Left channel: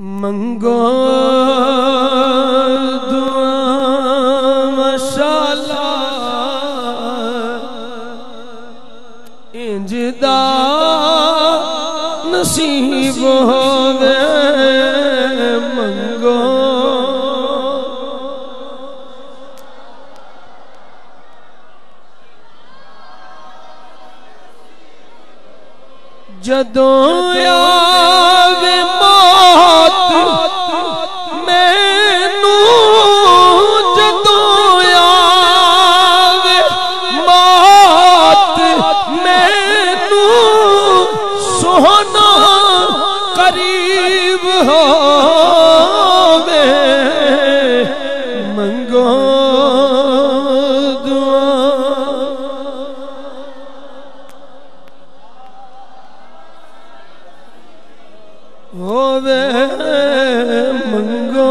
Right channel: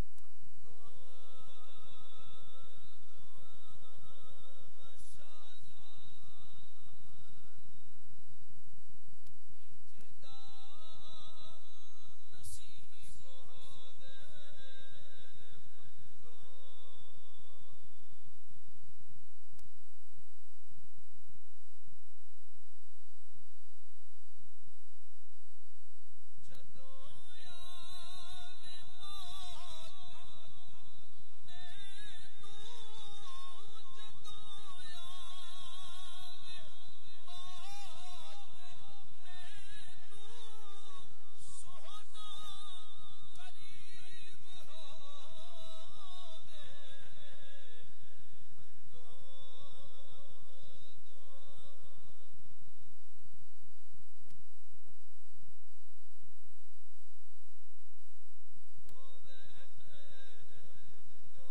منگو دعا مشالہ انج دا نصیب ہووے منگو جدوں آوے موت مینوں جدوں آوے موت مینوں سونا قریب ہووے منگو ہووے منگو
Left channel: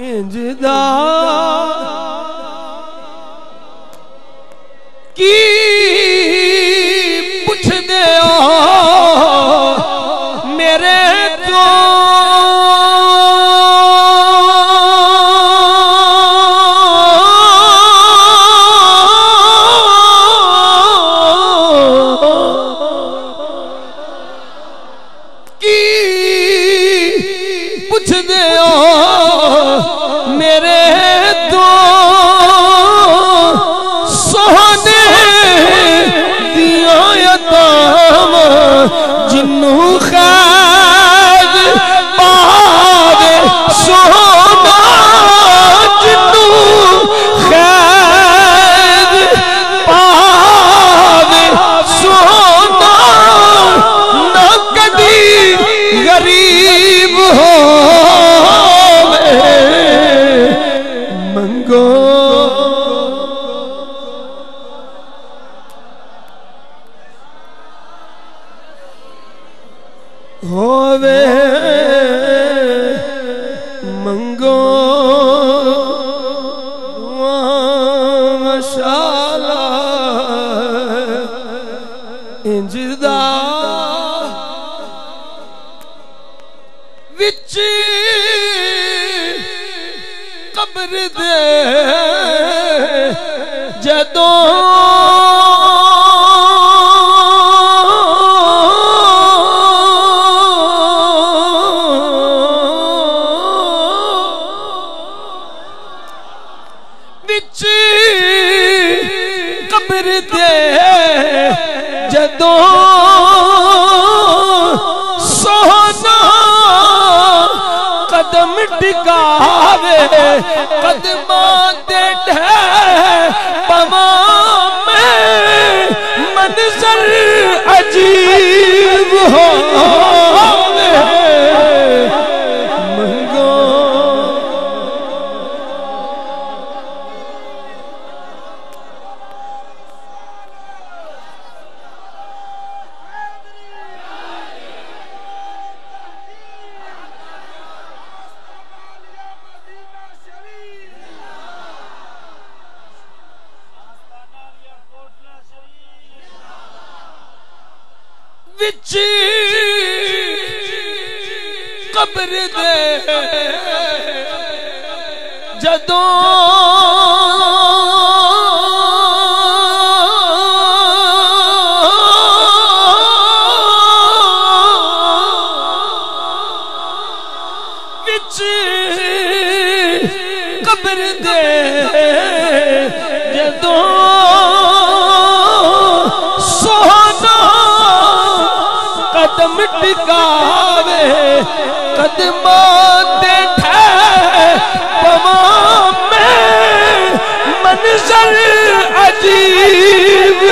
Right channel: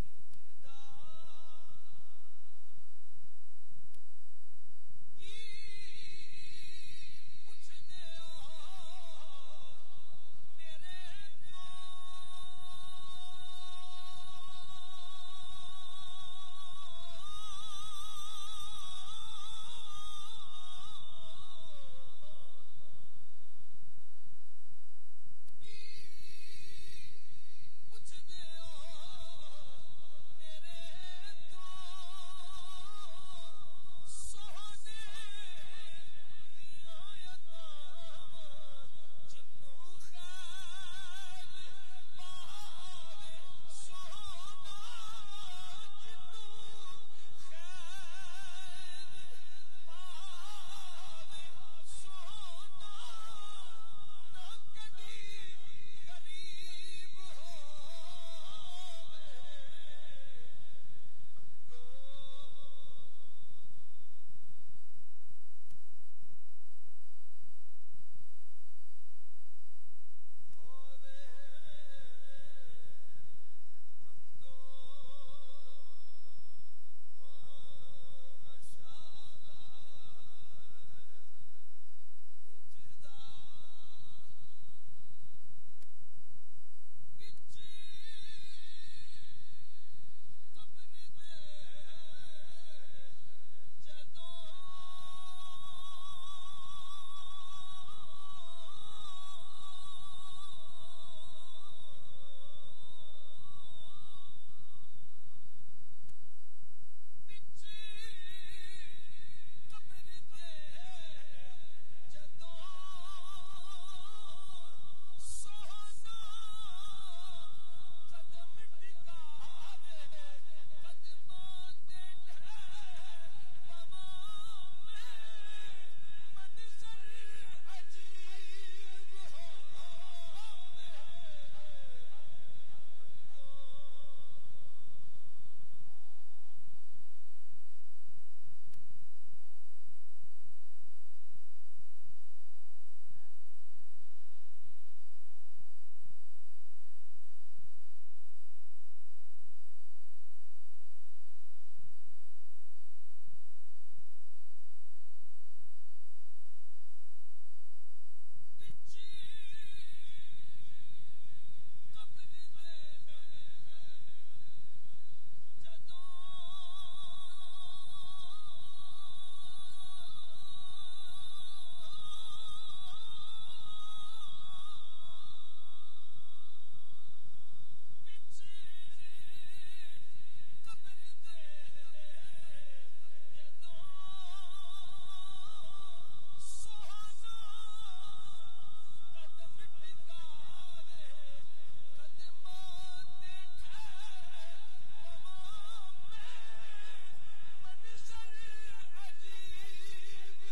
انج دا کی پوچھ دے میرے تو پوچھ دے میرے تو سونے دیاں یتام جنوں خیر پاوے سونا جنوں خیر پاوے سونا نہ کدی غریب ہو منگو ہووے منگو مشالہ انج دا وچ قبر دے جدوں وچ قبر دے جدوں سونا قدم ٹکاوے قدماں دے ڈھیر پواں میں منظر عجیب ہووے منگو وچ قبر دے جدوں وچ قبر دے جدوں قدم ٹکاوے قدماں دے ڈھیر پواں میں منظر عجیب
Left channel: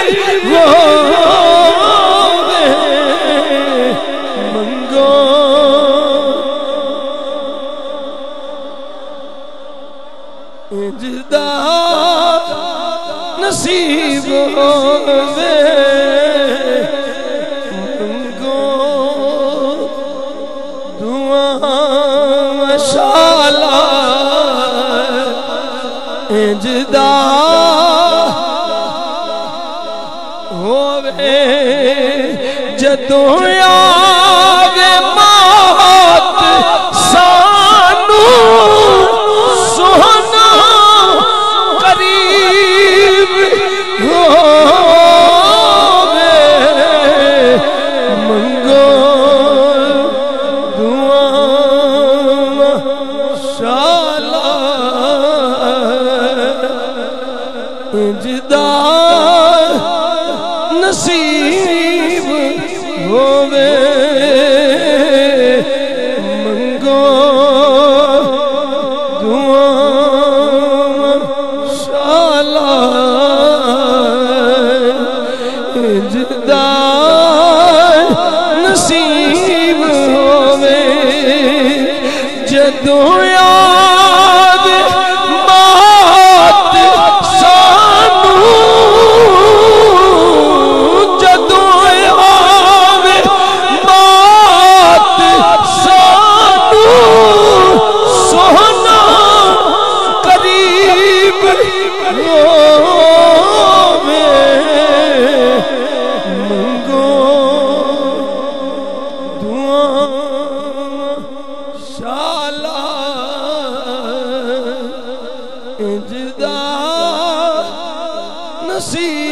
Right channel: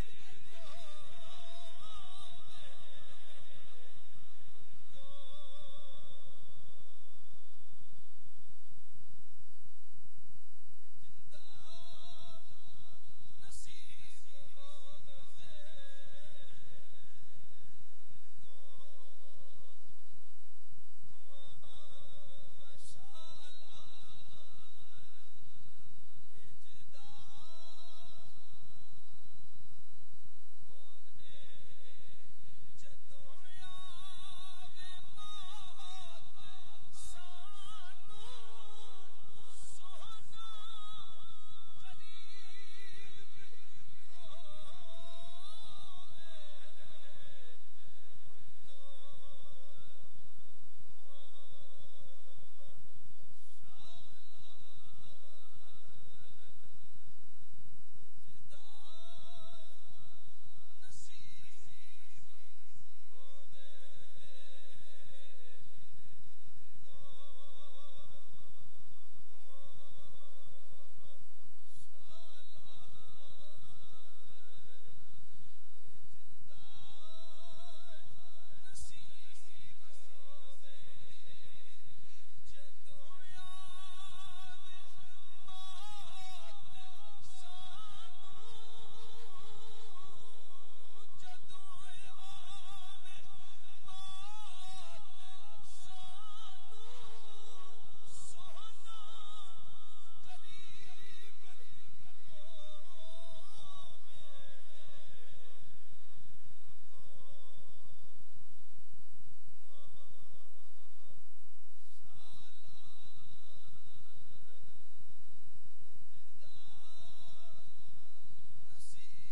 ہووے منگو انج دا نصیب ہووے مشالہ انج دا ہووے جدوں آوے موت سانو سونا قریب ہووے منگو دعا شالا جدا نصیب ہووے منگو دعا شالا جدا نصیب ہووے جدوں جدا نصیب